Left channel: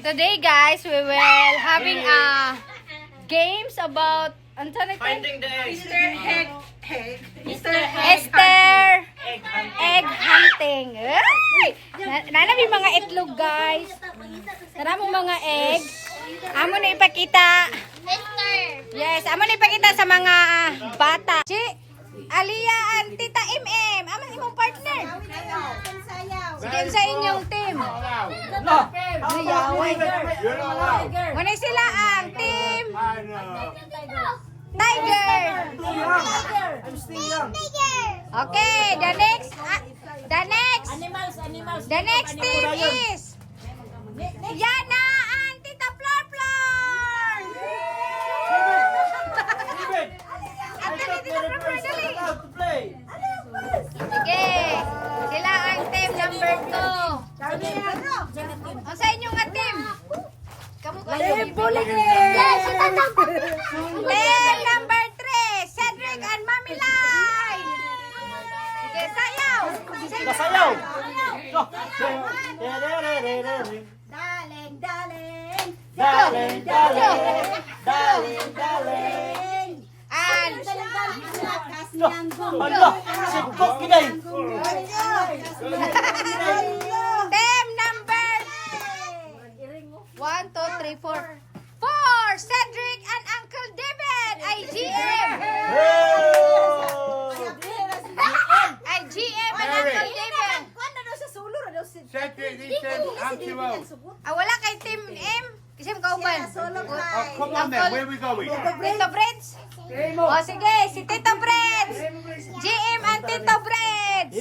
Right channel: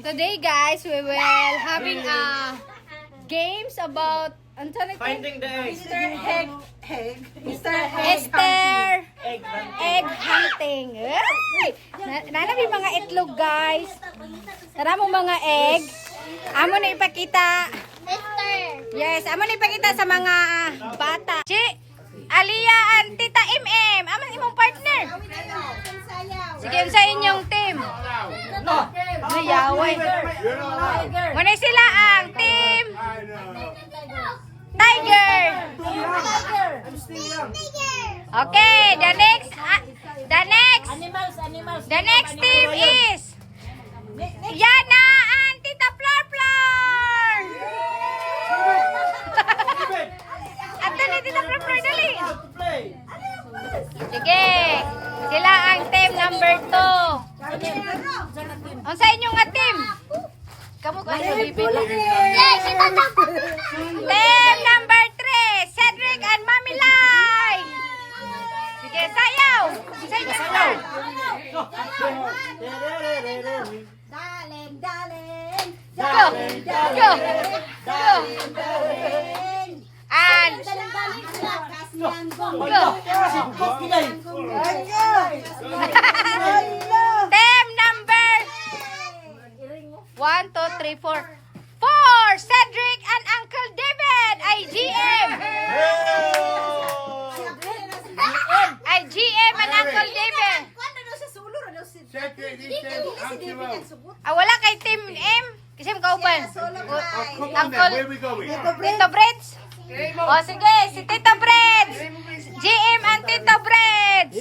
Today guys, we will having a games about Finding the eggs. Esther egg hunting. Nanami mga itlog guys. Naramong mga egg. Amo na ipakita. Yes, amo na ipakita sa mga bata. Si Alia and Tita MM, aman imong partner. Sige, sa inyong team. Nayaway. Muna sila ang team Tiger. Okay, the next team is Yana and Tita Flor Flor. Ato ni Tita Flor Flor, dali. Sige, sila ang team number 2. Ang sa inyong nga team? Kamu ko team number 3, Cedric and Mami Lai. Sige, sayaw. Sayaw. And team number 1, 2, 3, 4. Cedric and Uncle David, IGM. IGM and Uncle David. Wala kay Team M. Kasi kauban. Uncle Tito Breds. O sige, si Tito Breds. GM and Tito Breds.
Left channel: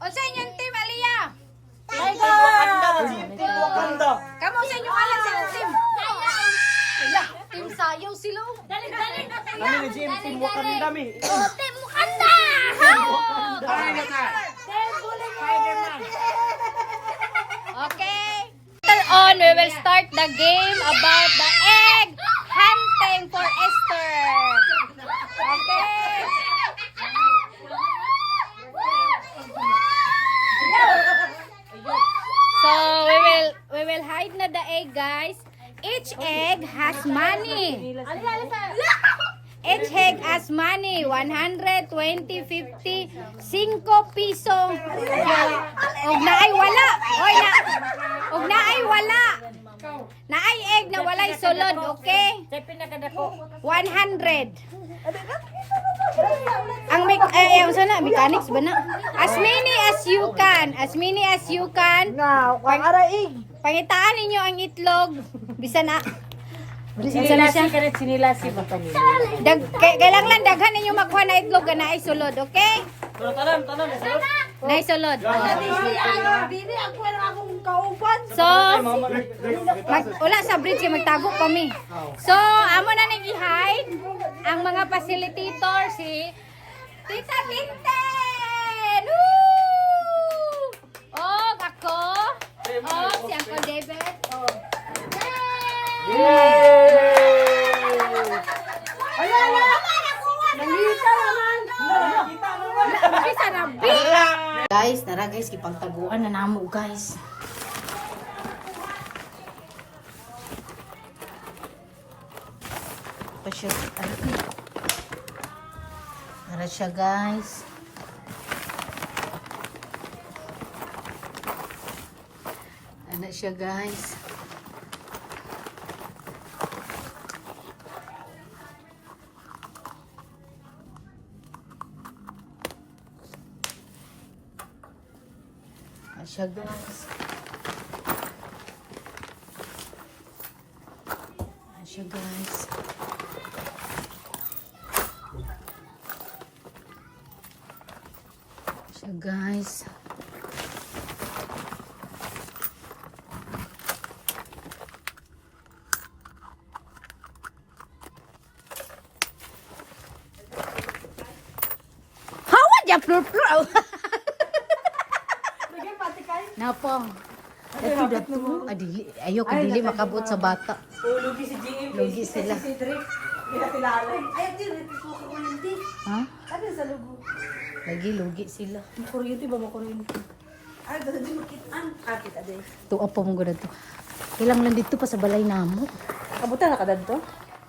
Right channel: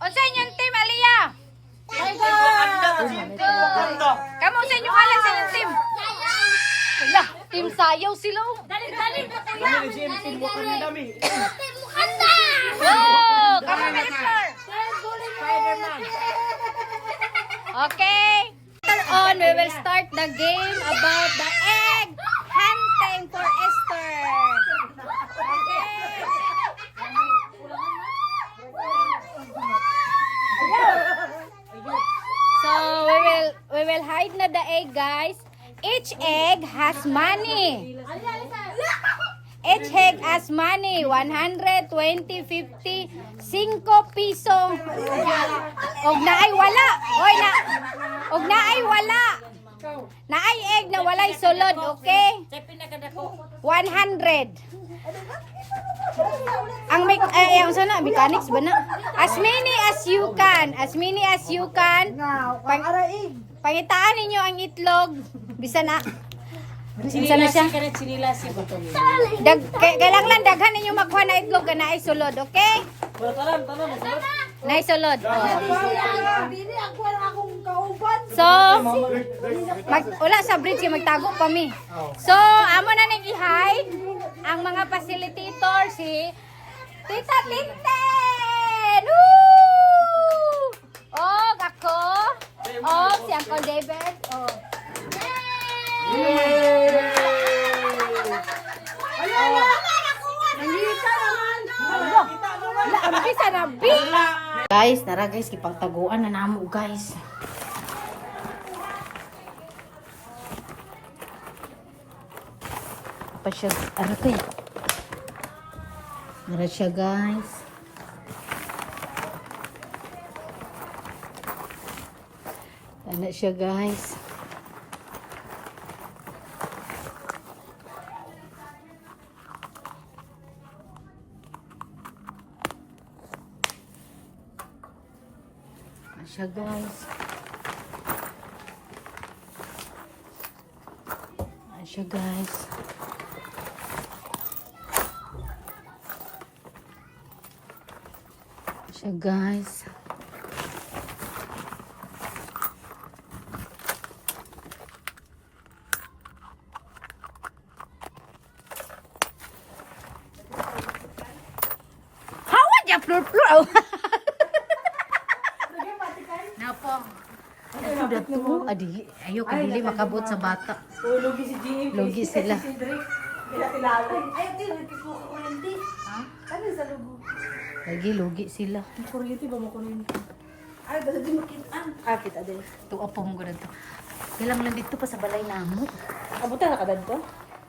O sa inyong team, Aliyah? Kamu sa inyong alam sa inyong team? Wala, team sayaw sila. Team Wakanda. Team Wakanda! Oh, kamu na Esther. Spider-Man. Okay. Later on, we will start the game about the egg hunting for Esther. Okay. So we will hide na the egg, guys. Each egg has money. Each egg has money. 100, 20, 50, 5 piso. Og naay wala. Oy na. Og naay wala. Naay egg na walay sulod, okay? 100. Ang ang sana mechanics ba na? As many as you can. As many as you can. Pangitaan ninyo ang itlog. Bisa na. Bisa na siya. Kailang lang daghan ninyo makuha na itlog na ay sulod, okay? Na ay sulod. So, wala sa bridge kaya magtago pa mi. So, amo na nag-hide ang mga facilitator si Tita Tinten! Woo! Oh, ako. Oh, si Uncle David. Oh. Yay! Guys, nara guys, kipagtaguan na namo guys. Pa siya, ano to? Nara siya guys. Ano siya guys? Ano siya guys? Ano siya guys? So guys, how would you plur? Napong. Ito dato, adili. Ayoko dili makabot sa bata. Lugi si GM. Lugi sila. Ha? Lagi lugi sila. Kuryente ba mo kuryente? Kita din. Tuopo mo gud to. Kailang lang dito pa sa balay namo. Kabutan na ka dito?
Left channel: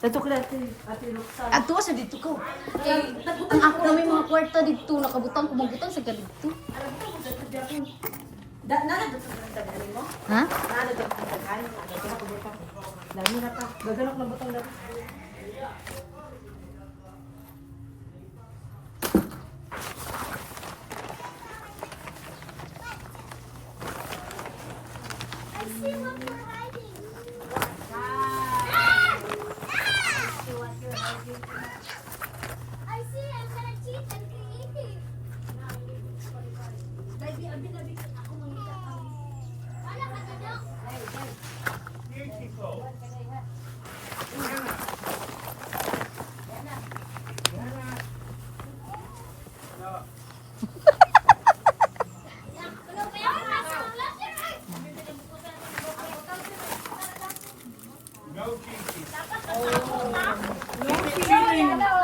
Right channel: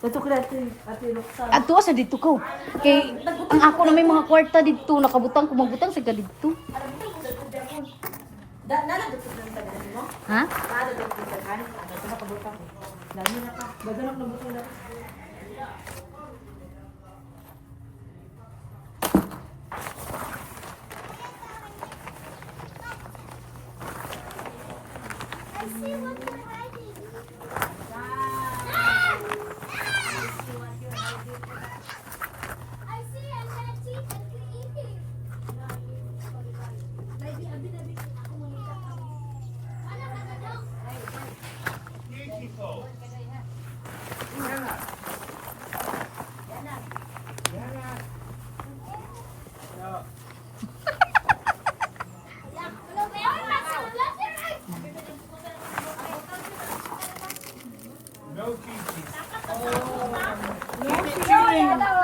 Dito ka natin, Ate Roxanne. Adto sa dito ko. Kay ang ako na may mga kwarta dito nakabutang kumabutang sa dito. Nala dito ka ng tagaan mo? Ha? Nala dito ka ng tagaan. Dito na kabutan ko. Lagi na ka. Gaganok na butang na.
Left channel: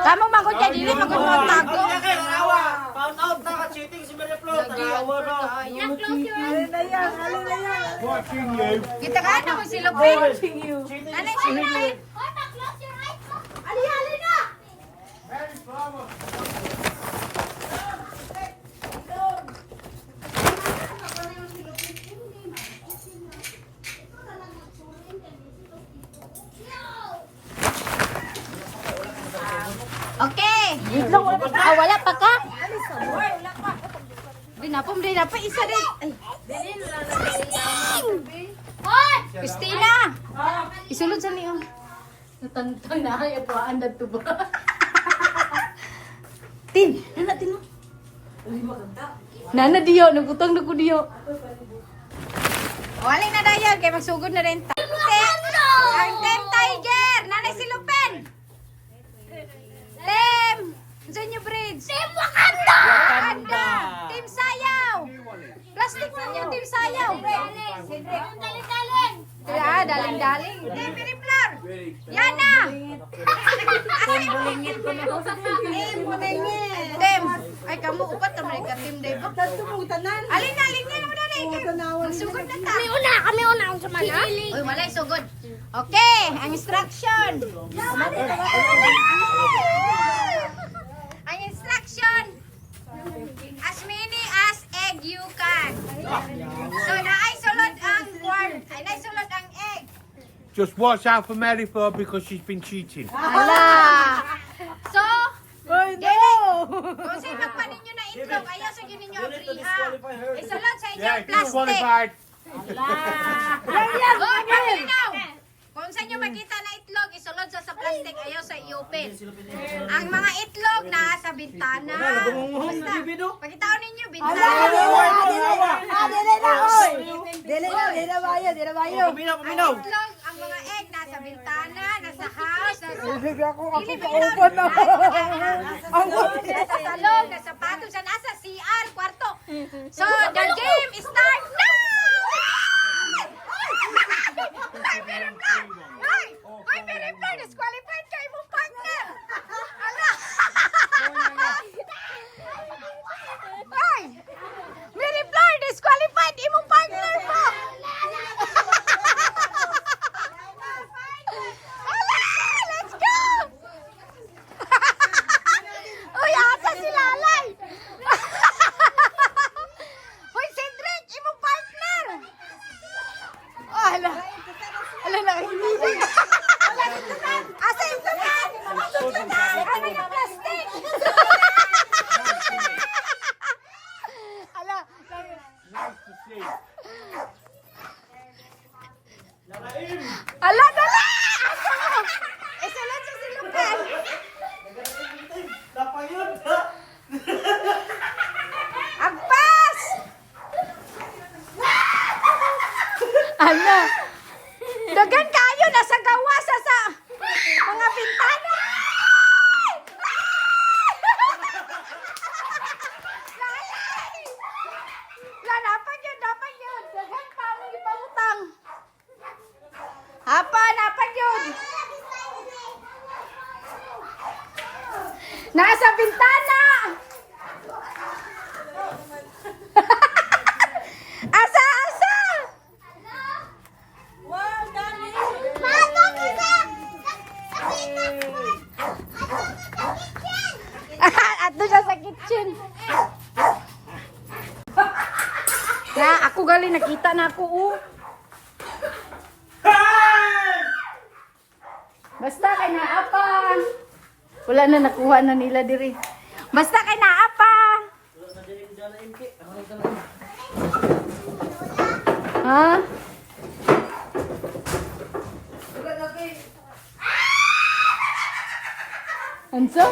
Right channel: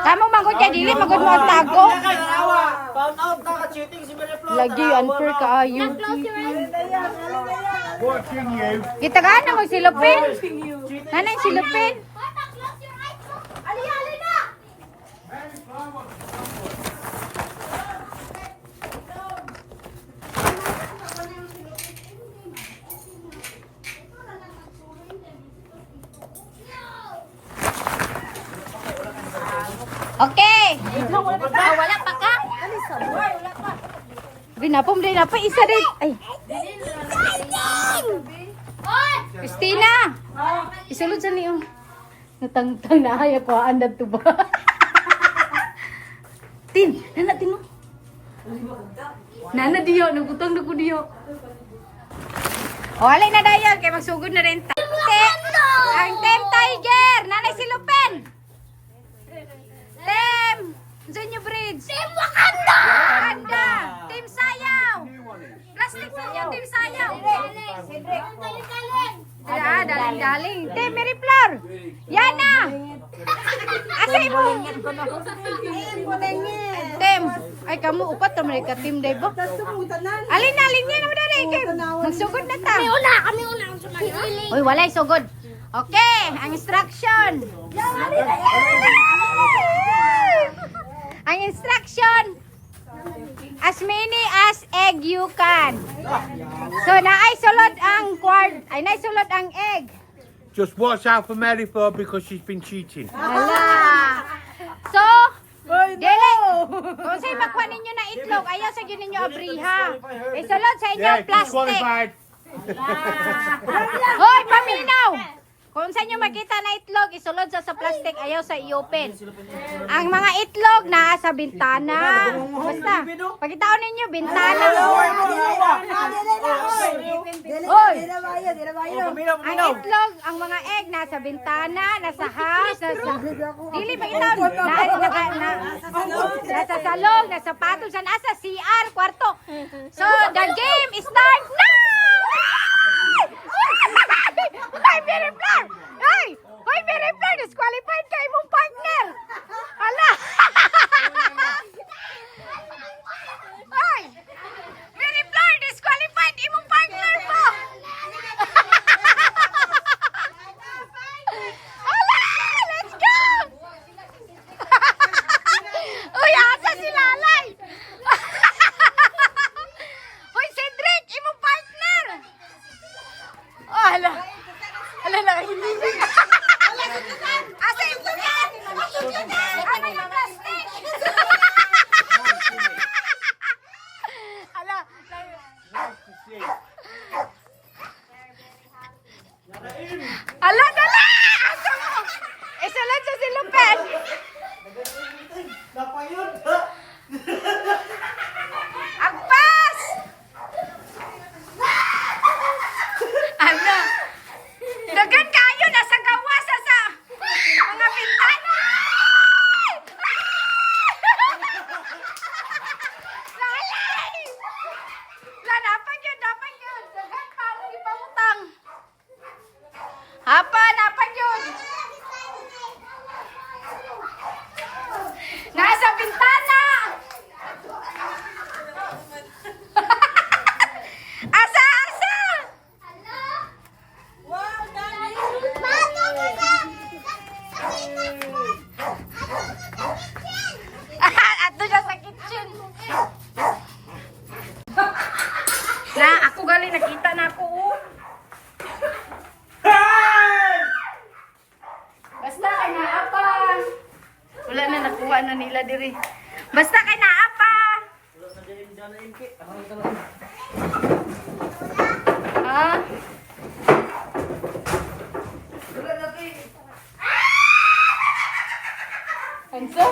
Kamong mangkot kay dili magud mo ang tago. Found out na ka-cheating si Mary Flor. Lagi unfair kaayo. Watching you. Kita ka na magsilupin. Nanay silupin. Okay. Wala pa ka? Dinapom din pa isa din. Ay. Christina. Isulod sa niyo. Natangtang na kaya po anda to ba? Tin, nana tino. Nana diyo, nagutang na ko diyo. O, alay na dayon, kay magsugod na rin. Ang Team Tiger, nanay silupin. Team, Zunyo Bridge. Team Wakanda. Wakanda. Team Sayaw. Plastic na yung Team Sayaw. Daling-daling. Team Mary Flor. Yana. Team Bulingit ko na. Team Bulingit. Team. Ay, kamu upat na mereka. Team day ba? Alin na naman dali. Magsugod na ta. Kami una ang sumana. Uy, walay sugod. Okay, ang instruction. Ang instruction. As many as egg you can. So, naay sulod ang quart. Ay, naay sulod ang egg. Just watch out for Mary Flor because she's been cheating. Hala. So, dili. Kung sa'yo makuha ninyo na itlog, ayaw sa yun ninyo abriha. Isulod sa inyo plastic. disqualified. Hoy, paminaw! Kung sa inyo makita na itlog, isulod sa plastic, ayaw sa i-open. Ang mga itlog na sa bintana. Basta, pagkitaon ninyo, bintana. Ang itlog, ang mga egg, nasa bintana, nasa house, nasa nasa salon, nasa patong, sa nasa CR, kwarto. So, the game start now! Hoy, Mary Flor! Hoy, Mary Flor! Disqualified ka imong partner! Hala! Hoy! Mary Flor! Disqualified imong partner mo! Hala! Let's go! Uy, asa si Lalay! Hoy, Cedric! Imong partner! Oh, hala! Ala na, hindi. Asa yung sugat? Ano yung plastic? Na, ako gali nakita na ako. Basta kay naapa. Wala na nakuha na nila diri. Basta kay naapa. Ha? Anso?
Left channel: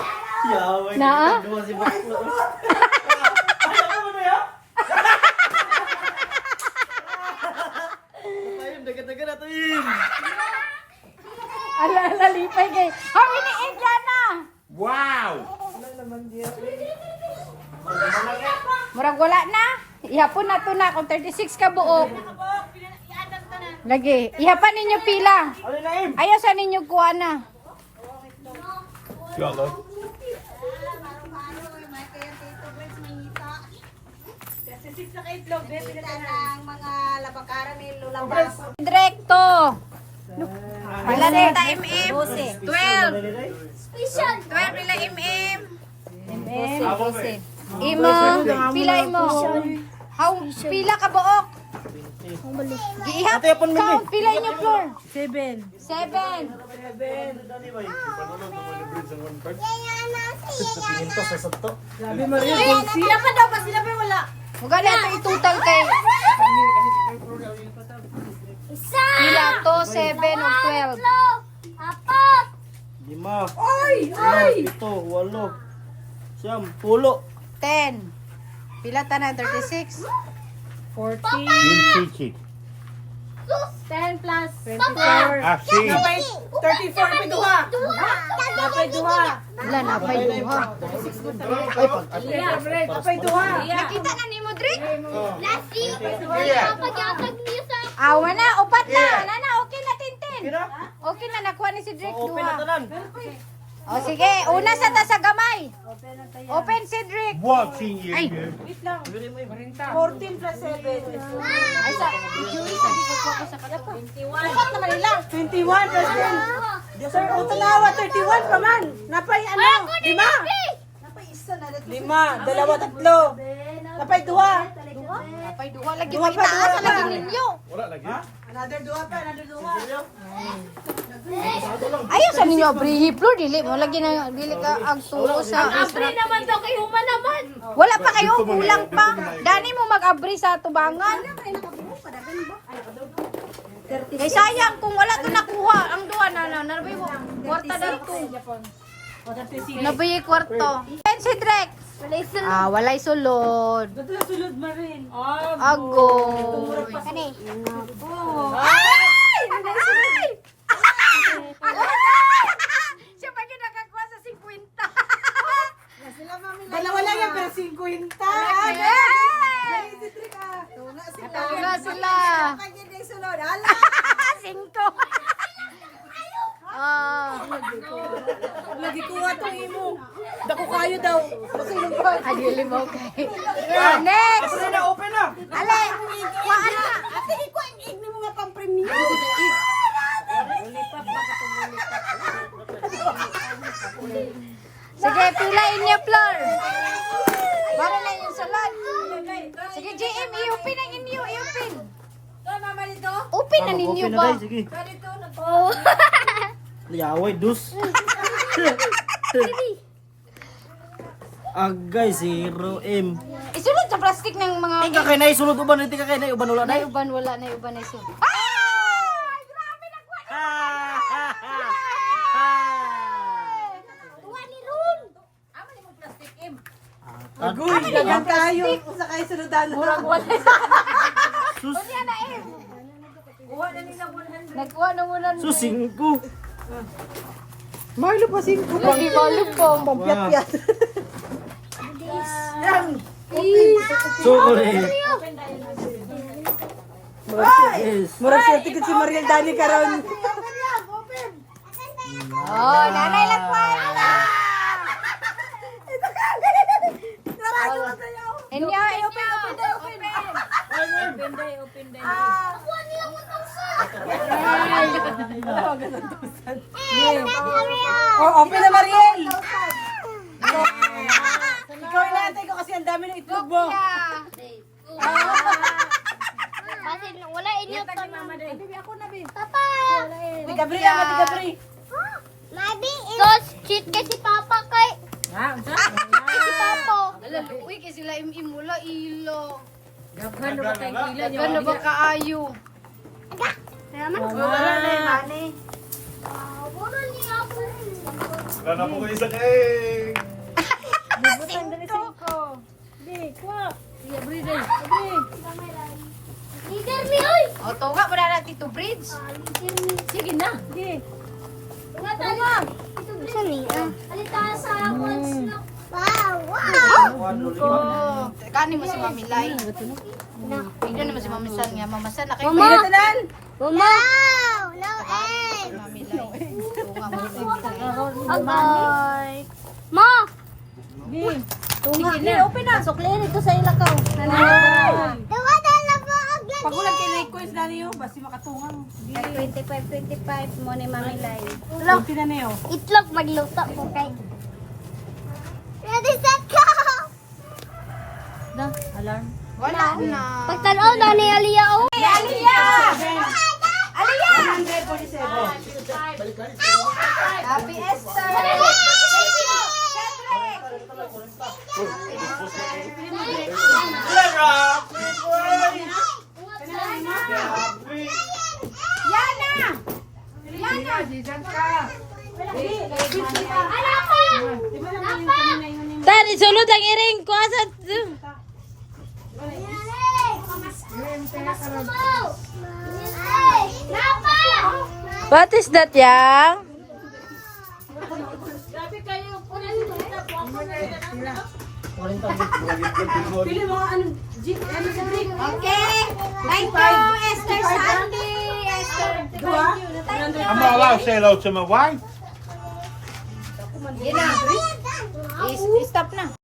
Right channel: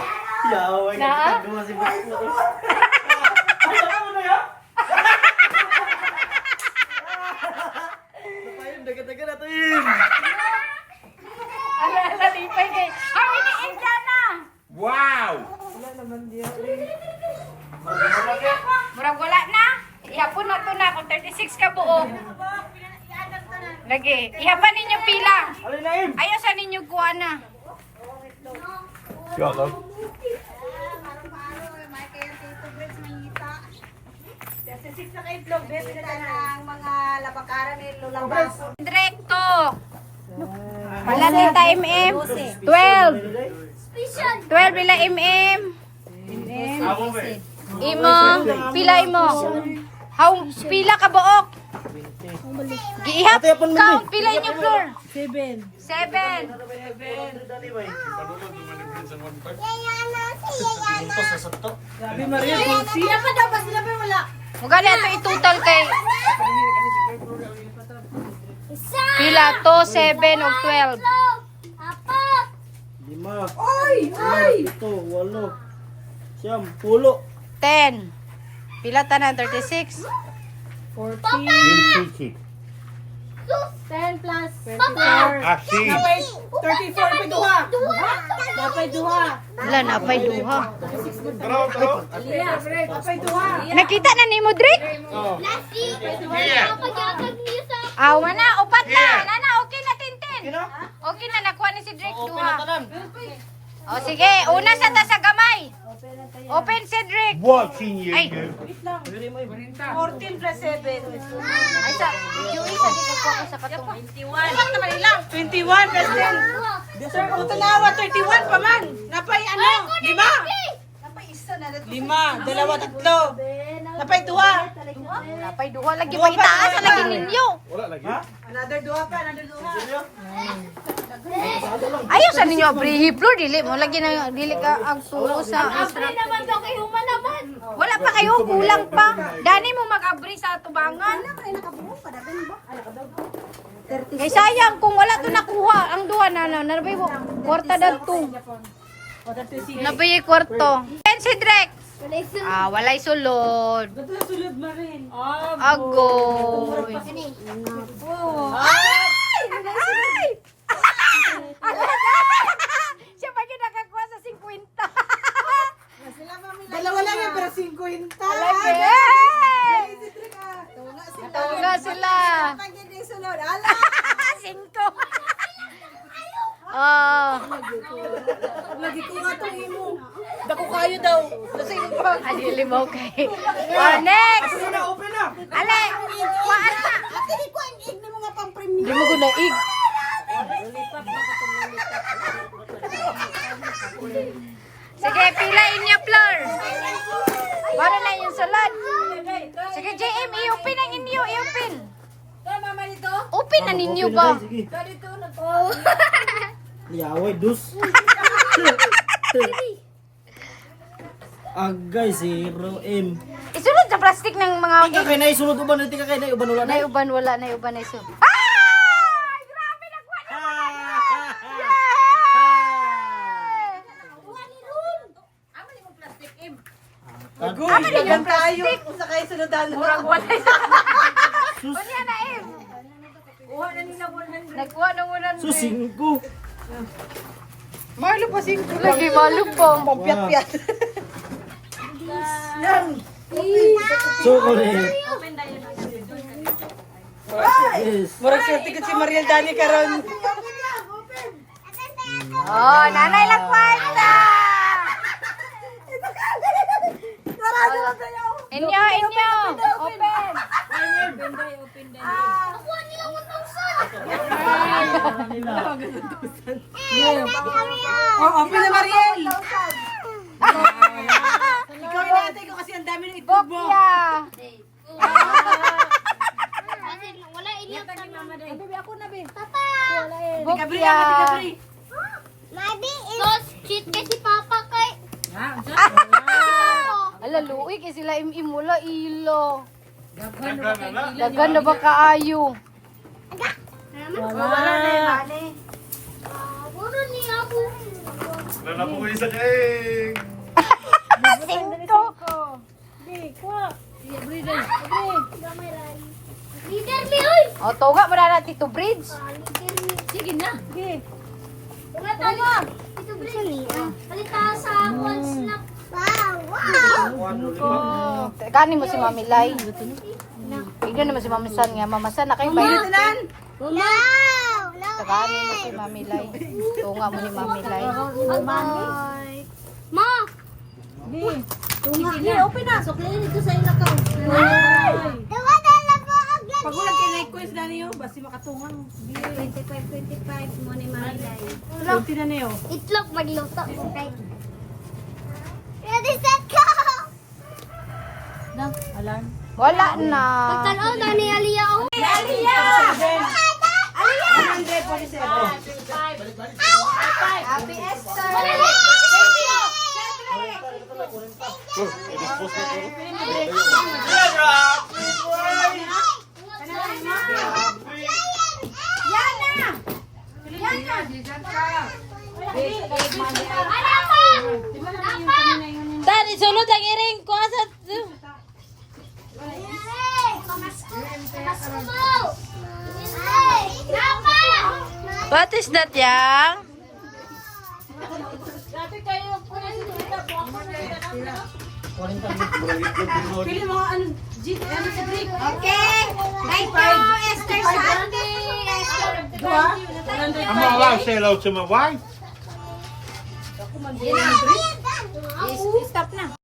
Yaway, Na? nagpagduwa si Baklo. Ay, ako mo na yan? Napayin, dagat-dagat natin. Ala, salipay kay. Kami ni Indiana. Wow! Murag wala na. Ihapon na to na kung 36 ka buo. Lagi. Ihapan ninyo pila. Ano na yun? Ayaw sa ninyo kuha na. Yolo. mga labakaran ni Lulambas. Direkto. Wala na yung time M. 12. 12 pila MM. Imo. Pila imo. How pila ka buok? Giihap. Count pila inyo floor. 7. 7. Ito sa sato. Sila pa daw, sila pa wala. Mugali ato i-total kay pila to 7 o 12. 5. Ay! 7, 8, 9, 10. 10. Pila tanan 36. yung chichi. 10 plus 24. Ah, si. 34 pa duha. Dapat duha. Wala na pay duha. Dapat duha. Nakita na nimo Drake? Awa na, upat na. Nana, okay na tintin. Okay na nakuha ni si Drake Open na duha. tanan. O sige, una sa ta sa gamay. Open si Drake. Watching you. Ay. Bili mo yun. 14 plus 7. Ay sa Joey sa di ko ko sa kato. 21 plus 10. Sir, kung tanawa 31 pa man. Napay ano? 5. Napay isa na. 5, dalawa, tatlo. Napay duha. Napay duha lagi pa itaas sa lagi ninyo. Another duha pa, another duha. Ayaw sa ninyo abrihi floor dili mo lagi na dili ka ang tuo sa naman daw kay Huma naman. wala pa kayo kulang pa. Dani mo mag-abri sa tubangan. Kay sayang kung wala to nakuha ang duha na nabay mo kwarta dadto. Nabay kwarto. Ken si Drek. Ah, walay sulod. Ito sulod mo rin. Agoy. Ay! Ay! Siya pa yung nakakuha sa 50. Dalawa lang yan, pero 50. Hey! Tunga sila. Tunga sila. Pagyan yung sulod. Ala! 5. Oh. Lagi kuha to imo. Dako kayo daw. Adili mo kay. Oh, next. Ano na, open na. Ale, kuha na. Ate, ikaw ang igni mo nga pang premium. Hindi mo ko naig. Sige, pila inyo floor. Para na yung sulod. Sige, JM, i-open ang inyo, i-open. Mama dito. Open na ninyo Open na ba? tayo, sige. Dito na to. Yaway, dus. Agay, 0M. Isunod sa plastic ng mga... Tika kay na isulod uban, tika kay na uban wala na. Naiuban, wala, naiuban, naisun. Ay! Grabe, nagwa na! Agoy, lang tayo. Sa kayo sunodan. Murag wala sa... Sus, Kunya na, Em. Nagkuha na muna. sus, 5. Marlo pa 5. Lagi malog po. Wow. Lang. Chocolate. Yes. Murag sa ticket si Mariel Dani karon. Oh, nanay lang kwenta. Inyo, inyo. Open. Oh, open na Mariel. Ikaw na. ate ko kasi ang dami ng itlog mo. Bokya. Kasi wala inyo pa mama. Baby, ako na, baby. Papa! Tigabri na, tigabri. Maybe it's... cheat kay si Papa kay... Si Papa. Ala, luwi kasi sila imula ilo. Dagan na ba kaayo? Wala na eh, mani. Muna niya ako. Wala na po kayo sa cake. Leader mi, oy! O, tunga mo na natin to bridge. Sige na. Tunga tayo. Ito ba niya? Halika sa walls na. Wow! Kani mo si Mami Lai. Tignan naman si Mami San nga. Mama San na kayo Mama! ba? Tanan! No! No Kani mo si Mami Lai. Tunga mo ni Mami Lai. Ma! Open na! Suklin ito sa ilakaw. Pagulang kay request na niyo, basi makatungang. 25 mo ni Mami Lai. Ulap, tinan niyo. Itlog magluto mo kay... Ready, set, go! Wala na. Pagtanaw na ni Aliyah, oh! 147. Happy Easter. Dad, isulod ang iring ko. Asa? What is that, Yang? Pili mga ano, jeep, ano sa drink? Okay. Thank you, Esther Sandy. Esther. Dua? I'm not allowed to say hello to my wife. Stop na.